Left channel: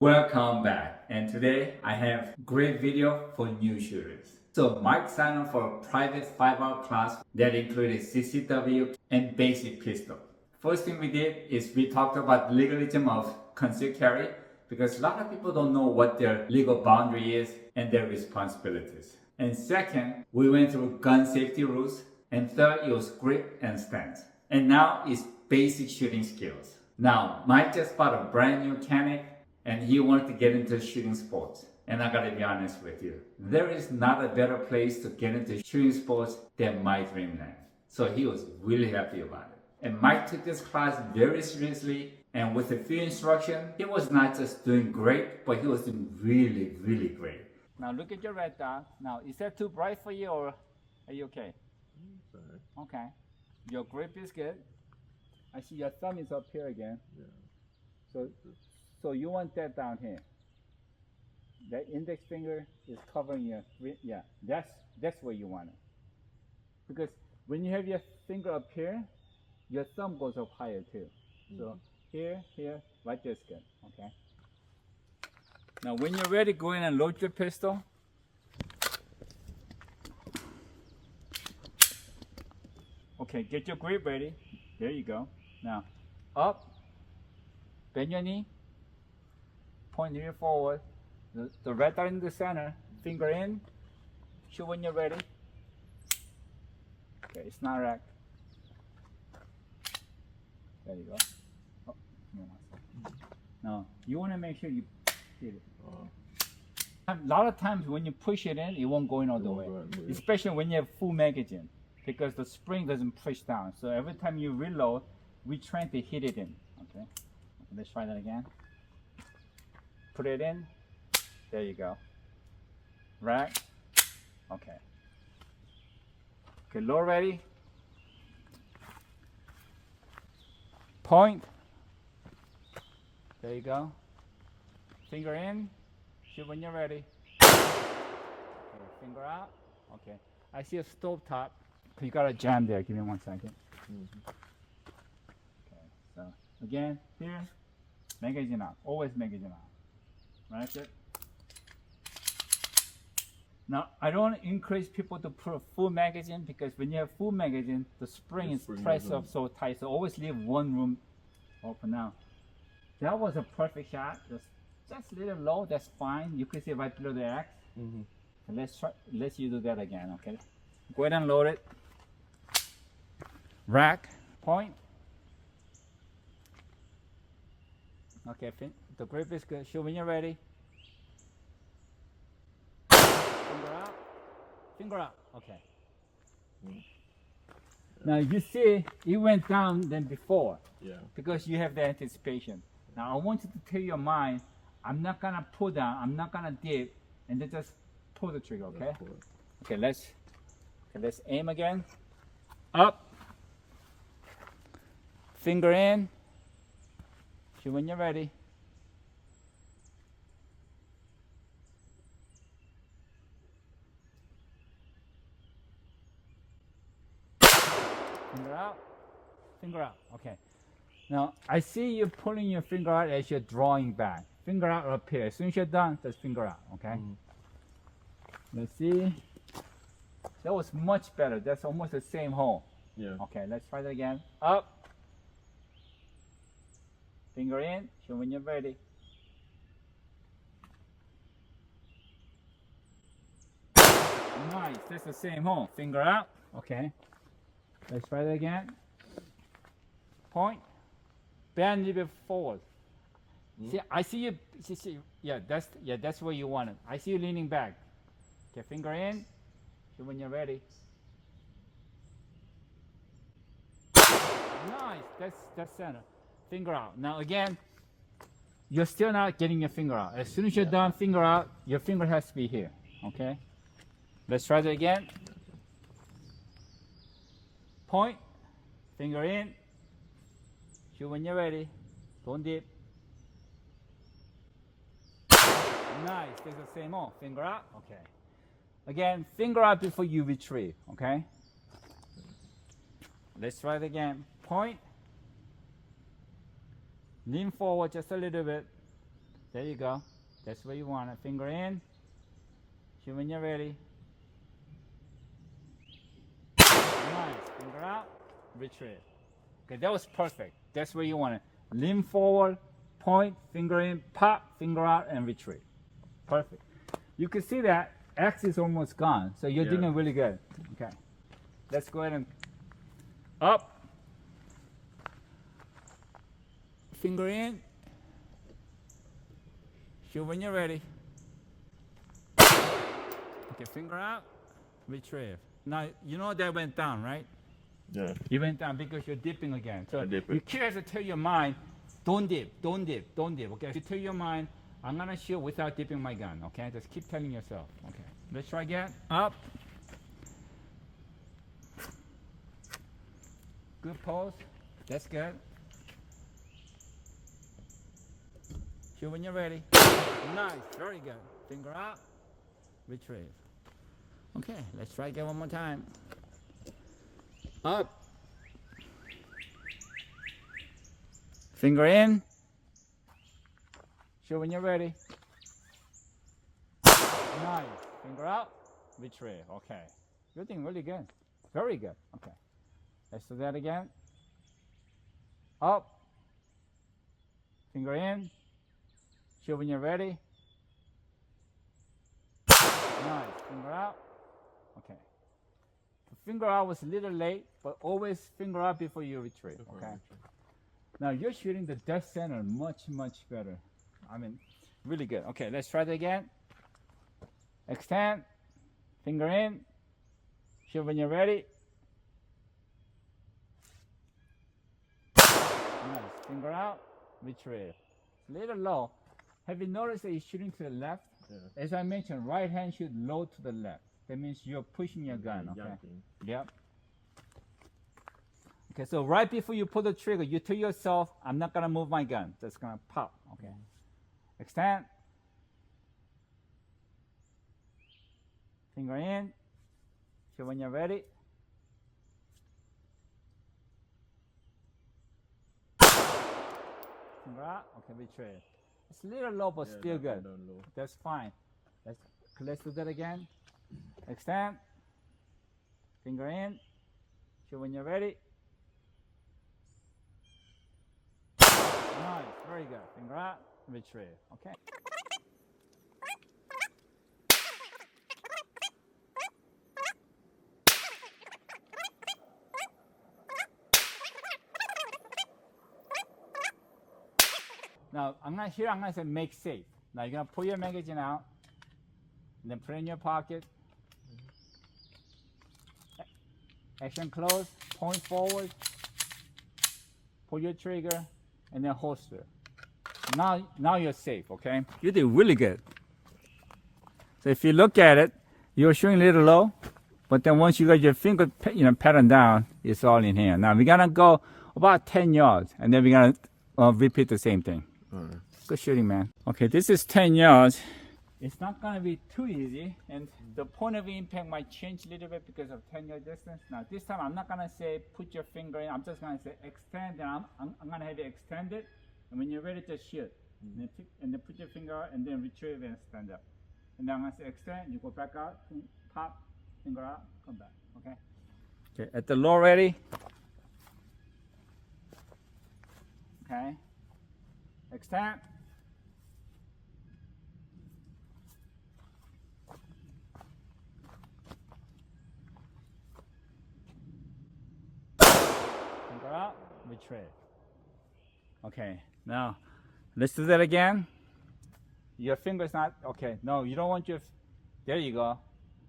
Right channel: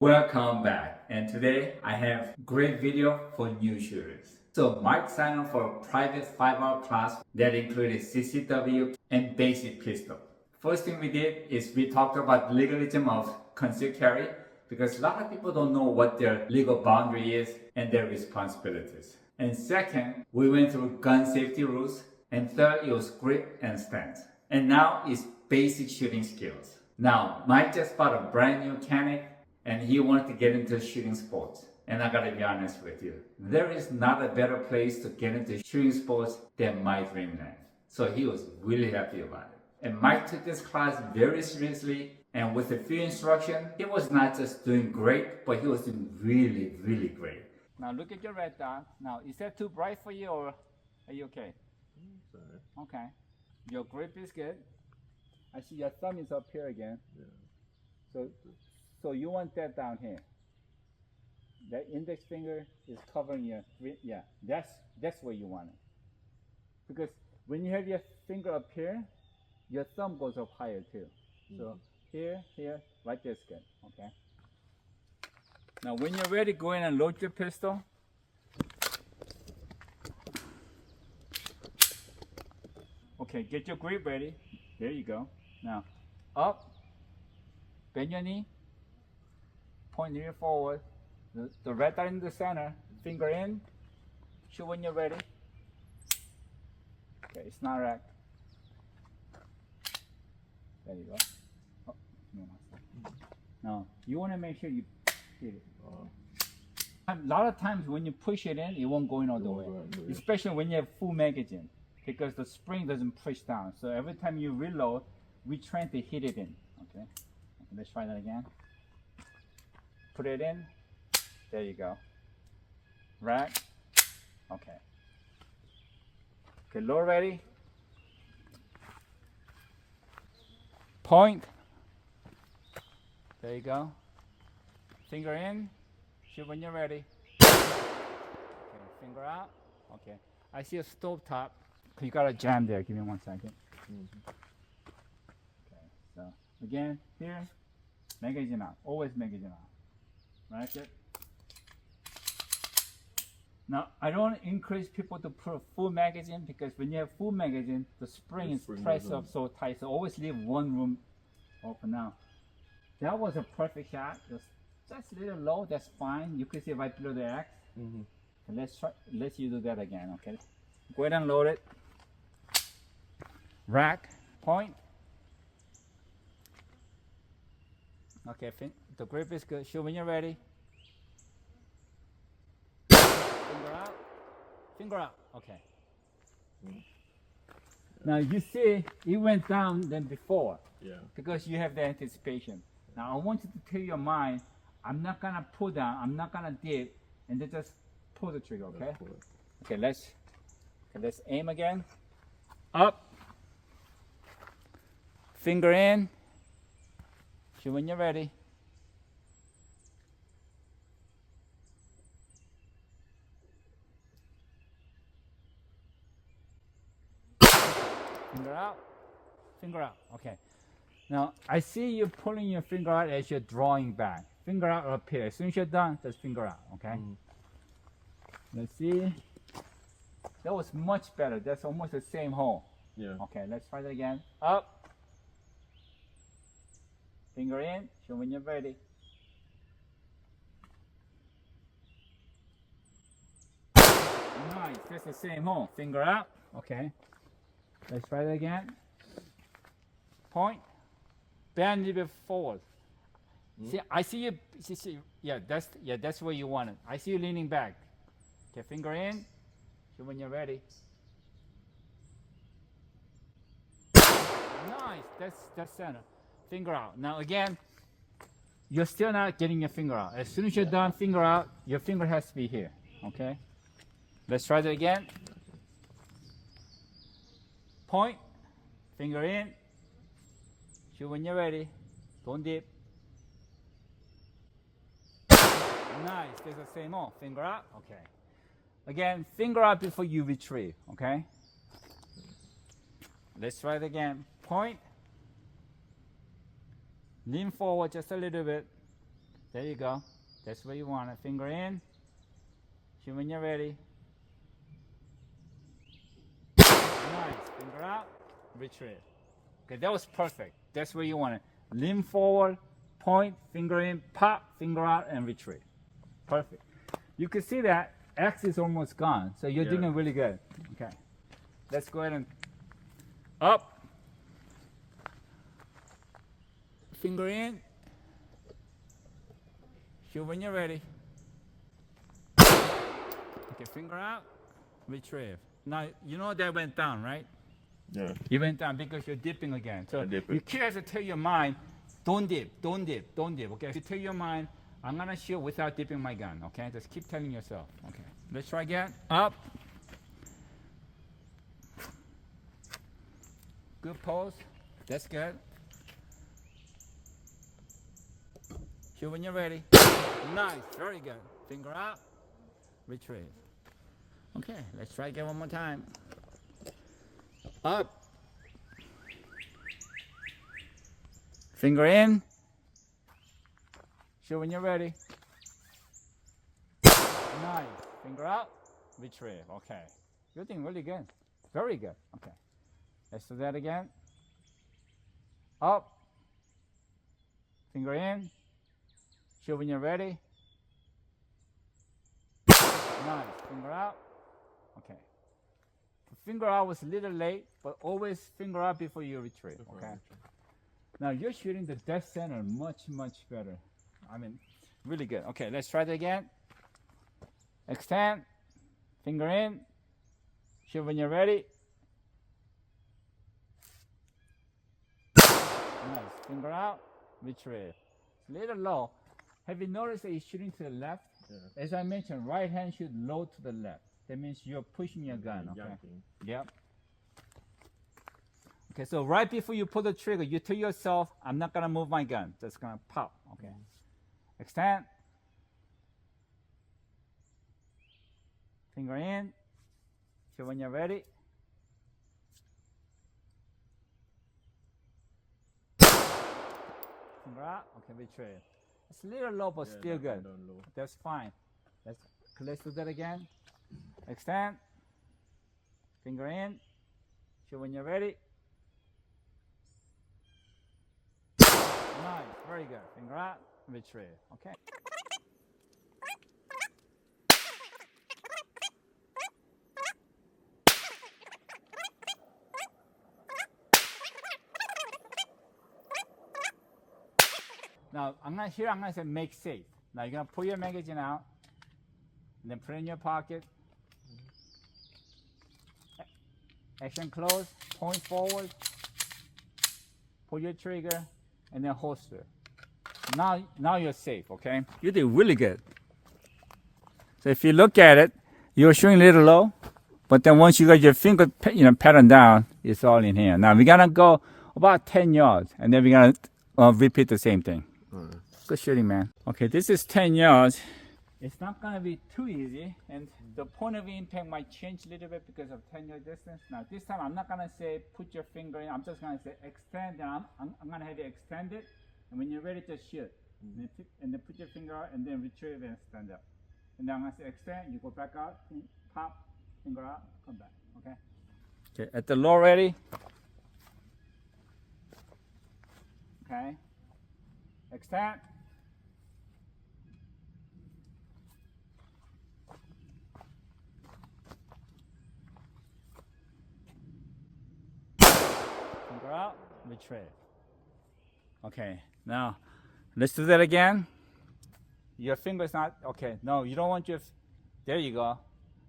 Welcome back, and today I have great video for new shooters. So Mike signed up for a private 5-hour class that included CCW and basic pistol. First thing we did is we talked about legalism of concealed carry because a lot of people don't know what their legal boundary is and their responsibilities. And second, we went through gun safety rules, and third, it was grip and stance. And now it's basic shooting skills. Now, Mike just bought a brand new Canic and he wanted to get into shooting sports. And I gotta be honest with you, there is not a better place to get into shooting sports than my dreamland. So he was really happy about it. And Mike took this class very seriously, and with a few instruction, he was not just doing great, but he was doing really, really great. Now look at your red dot. Now, is that too bright for you or are you okay? Sorry. Okay. Your grip is good. I see your thumb is up here again. Yeah. So you want that down here. That index finger is covering your, yeah, that's where you want it. Because when you have your finger up here, your thumb goes up higher too. So here, right there's good, okay? Now when you're ready, go in and load your pistol. Okay, get your grip ready. There you go. Now, up, bend your knee, point your forward, the red dot in the center, finger in, shoot when you're ready. Okay, it's not racked. There you go. Oh, no. Now, you want to make sure you hit it. A lot of times when you push it in, it won't go in all the way, especially when you have full magazine, because the spring doesn't push down. So every time you reload, we're trying to hit it in. Okay, let's try that again. Put it in. There you go. Rack. Okay. Okay, low ready. Point. There you go. Finger in. Shoot when you're ready. Okay, finger out. Okay. I see a stove top. You got a jam there. Give me 1 second. Okay. So again, here, magazine out. Always magazine out. Right there. Now, I don't want to encourage people to put a full magazine because when you have full magazine, the spring is pressed up so tight. So always leave one room open now. That was a perfect shot. Just a little low. That's fine. You can see right below the X. So let's you do that again. Okay. Go ahead and load it. Rack. Point. Okay. The grip is good. Shoot when you're ready. Finger out. Finger out. Okay. Now you see it went down than before. Yeah. Because you have the anticipation. Now I want you to tell your mind, I'm not gonna pull down, I'm not gonna dip, and then just pull the trigger, okay? Okay, let's aim again. Up. Finger in. Shoot when you're ready. Finger out. Finger out. Okay. Now I see you pulling your finger out as you're drawing back. Finger out up here. As soon as you're done, just finger out. Okay. Let's see. That was much better. That's almost the same hole. Yeah. Okay. Let's try that again. Up. Finger in. Show when you're ready. Nice. That's the same hole. Finger out. Okay. Let's try that again. Point. Bend a little bit forward. See, I see you. See, yeah, that's where you want it. I see you leaning back. Okay, finger in. So when you're ready. Nice. That's center. Finger out. Now again, you're still not getting your finger out. As soon as you're done, finger out. Your finger has to be here. Okay. Let's try that again. Point. Finger in. Shoot when you're ready. Don't dip. Nice. There's the same hole. Finger out. Okay. Again, finger out before you retrieve. Okay. Let's try it again. Point. Lean forward just a little bit. There you go. That's where you want it. Finger in. Shoot when you're ready. Nice. Finger out. Retrieve. Okay, that was perfect. That's where you want it. Lean forward, point, finger in, pop, finger out, and retrieve. Perfect. You can see that X is almost gone, so you're doing really good. Okay. Let's go ahead and up. Finger in. Shoot when you're ready. Okay, finger out, retrieve. Now, you know that went down, right? Yeah. You went down because you're dipping again. So you can't have to tell your mind, don't dip, don't dip, don't dip. Okay, if you tell your mind, I'm gonna shoot without dipping my gun. Okay, just keep telling yourself. Okay, let's try again. Up. Good pose. That's good. Shoot when you're ready. Nice, very good. Finger out, retrieve. Okay, let's try again one more time. Up. Finger in. Shoot when you're ready. Nice. Finger out. Retrieve. Okay. You're doing really good. Very good. Okay. Let's do that again. Up. Finger in. Shoot when you're ready. Nice. Finger out. Okay. Finger out was a little late, but always finger out before you retrieve. Okay. Now you're shooting the dead center much, much better. I mean, really good. Okay, let's try that again. Extend. Finger in. Shoot when you're ready. Nice. Finger out. Retrieve. It's a little low. Have you noticed that you're shooting to the left? Yeah. As I mentioned, right hand shoot low to the left. That means you're pushing your gun, okay? Yep. Okay, so right before you pull the trigger, you tell yourself, I'm not gonna move my gun, just gonna pop, okay? Extend. Finger in. Shoot when you're ready. Finger out, okay, retrieve. It's a little low, but still good. That's fine. Let's do that again. Extend. Finger in. Shoot when you're ready. Nice, very good. Finger out, retrieve. Okay. Now, I'm gonna say make safe. Now you're gonna pull your magazine out, and then put it in your pocket. Action close, point forward, pull your trigger, and then holster. Now you're safe, okay? You did really good. So if you look at it, you're shooting a little low, but then once you got your finger, pattern down, it's all in here. Now we're gonna go about 10 yards, and then we're gonna repeat the same thing. Good shooting, man. Okay, this is 10 yards. It's not gonna be too easy, and the point of impact might change a little bit because of 10-yard distance. Now this time I'm not gonna say put your finger in, I'm just gonna say extend, and I'm gonna have you extend it, and when you're ready to shoot, and then put your finger out, and then retrieve and stand up. And then I'm gonna say extend, you go back out, pop, finger out, come back, okay? Okay, at the low ready. Okay, extend. Finger out, retrieve. Okay, now let's do that again. Your finger's not, okay, no, you don't want your, there you go.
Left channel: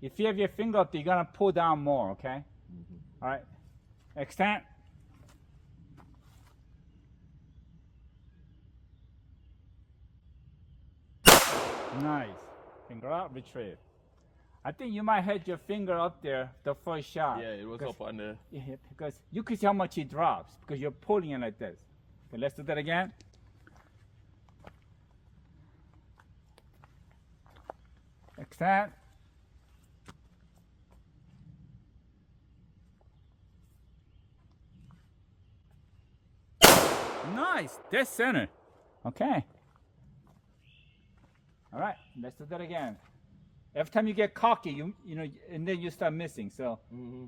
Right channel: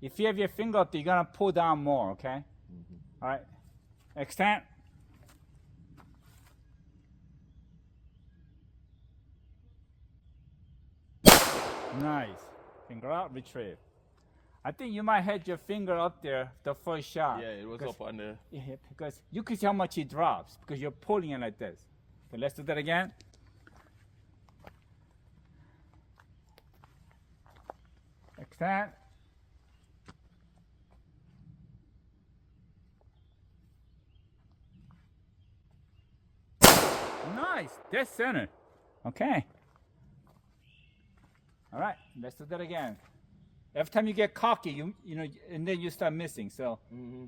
If you have your finger up there, you're gonna pull down more, okay? All right, extend. Nice. Finger out, retrieve. I think you might have your finger up there the first shot. Yeah, it was up on there. Yeah, because you can see how much it drops because you're pulling it like this. Okay, let's do that again. Extend. Nice. Dead center. Okay. All right, let's do that again. Every time you get cocky, you know, and then you start missing. So. Mm-hmm.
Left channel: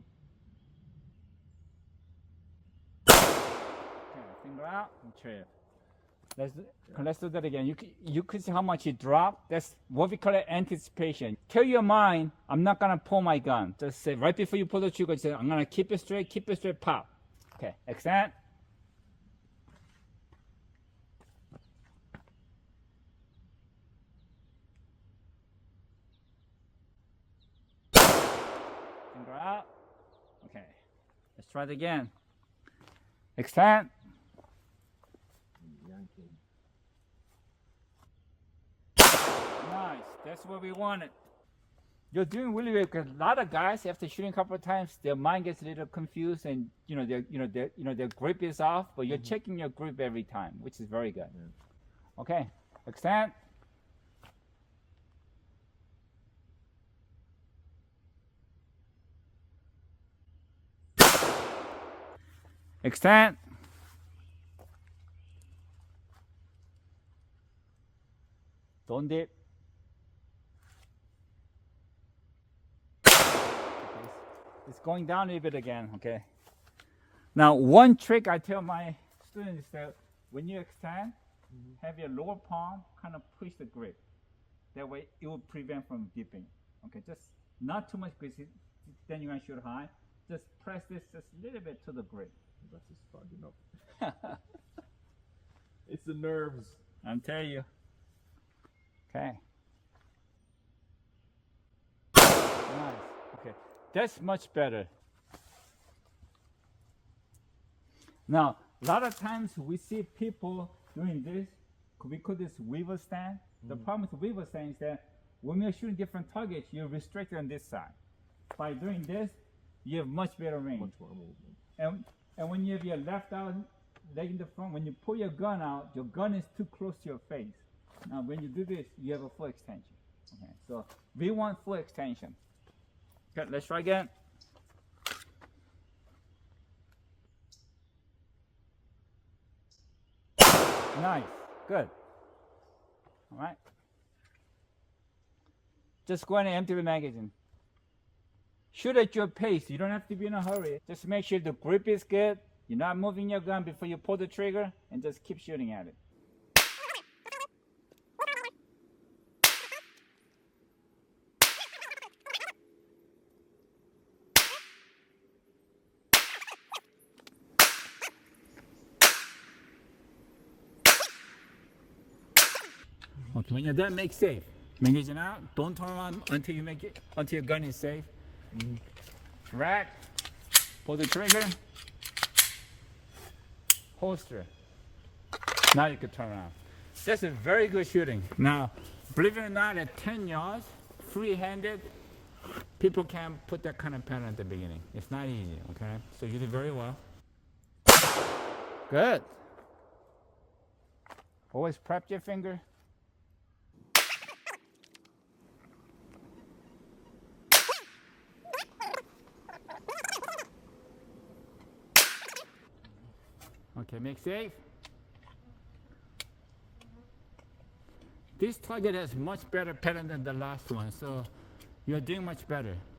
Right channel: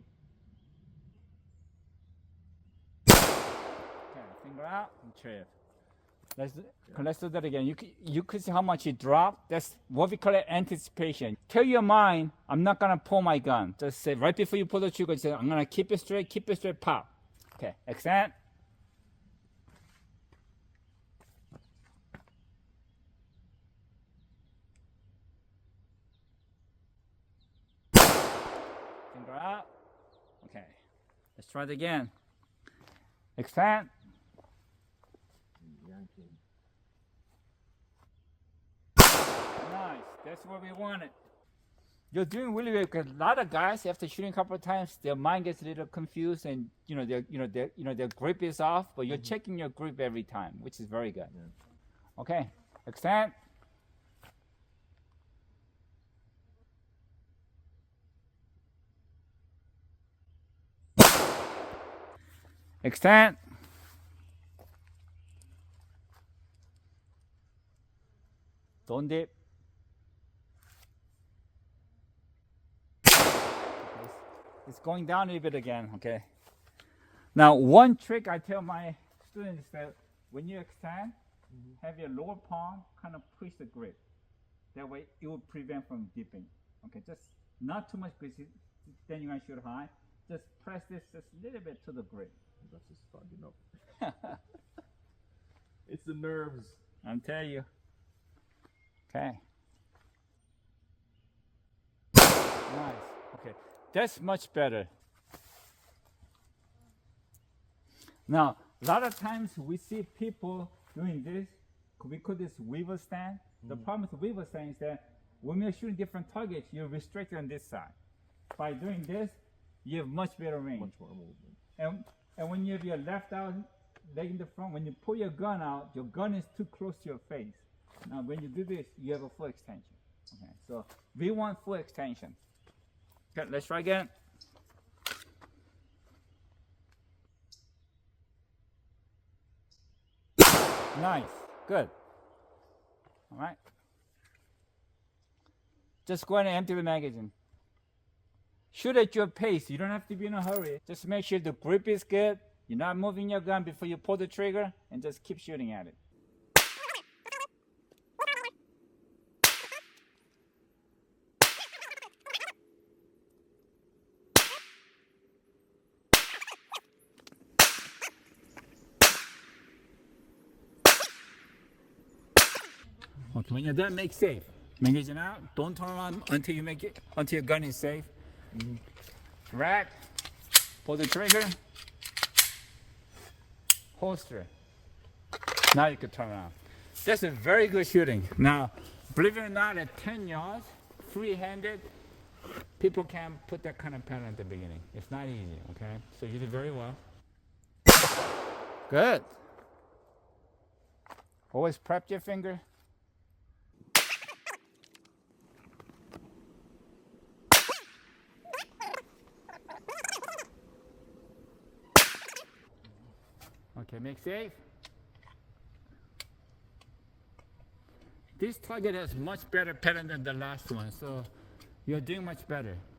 Okay, finger out and trip. Let's do that again. You could see how much you dropped. That's what we call it anticipation. Tell your mind, I'm not gonna pull my gun. Just say right before you pull the trigger, say I'm gonna keep it straight, pop. Okay, extend. Finger out. Okay, let's try it again. Extend. Yanking. Nice. That's what we wanted. You're doing really well because a lot of guys after shooting a couple of times, their mind gets a little confused and their grip is off. But you're checking your grip every time, which is very good. Yeah. Okay, extend. Extend. Don't dip. It's going down a little bit again, okay? Now, one trick I tell my students is that when you extend, have your lower palm kind of push the grip. That way, it will prevent from dipping. Okay, just not too much because then you're going to shoot high. Just press this just a little bit to the grip. That's just fogging up. It's the nerves. I'm telling you. Okay. Nice. Okay. That's much better. Now, a lot of times we see people doing this. We call this weaver stand. The problem with weaver stand is that when you're shooting different targets, you're restricted on this side. By doing this, you have much better range. Much more movement. And when you have your left out, leg in the front, when you pull your gun out, your gun is too close to your face. Now, when you do this, you have a full extension. Okay, so we want full extension. Okay, let's try again. Nice, good. All right. Just go ahead and empty the magazine. Shoot at your pace. You don't have to be in a hurry. Just make sure the grip is good. You're not moving your gun before you pull the trigger, and just keep shooting at it. Okay, when you're done, make safe. Magazine out. Don't turn around until you make it, until your gun is safe. Rack. Pull the trigger. Holster. Now you can turn around. That's a very good shooting. Now, believe it or not, at 10 yards, free-handed, people can't put that kind of pattern at the beginning. It's not easy, okay? So you did very well. Good. Always prep your finger. Okay, make safe. This target has much better pattern than the last one, so you're doing much better.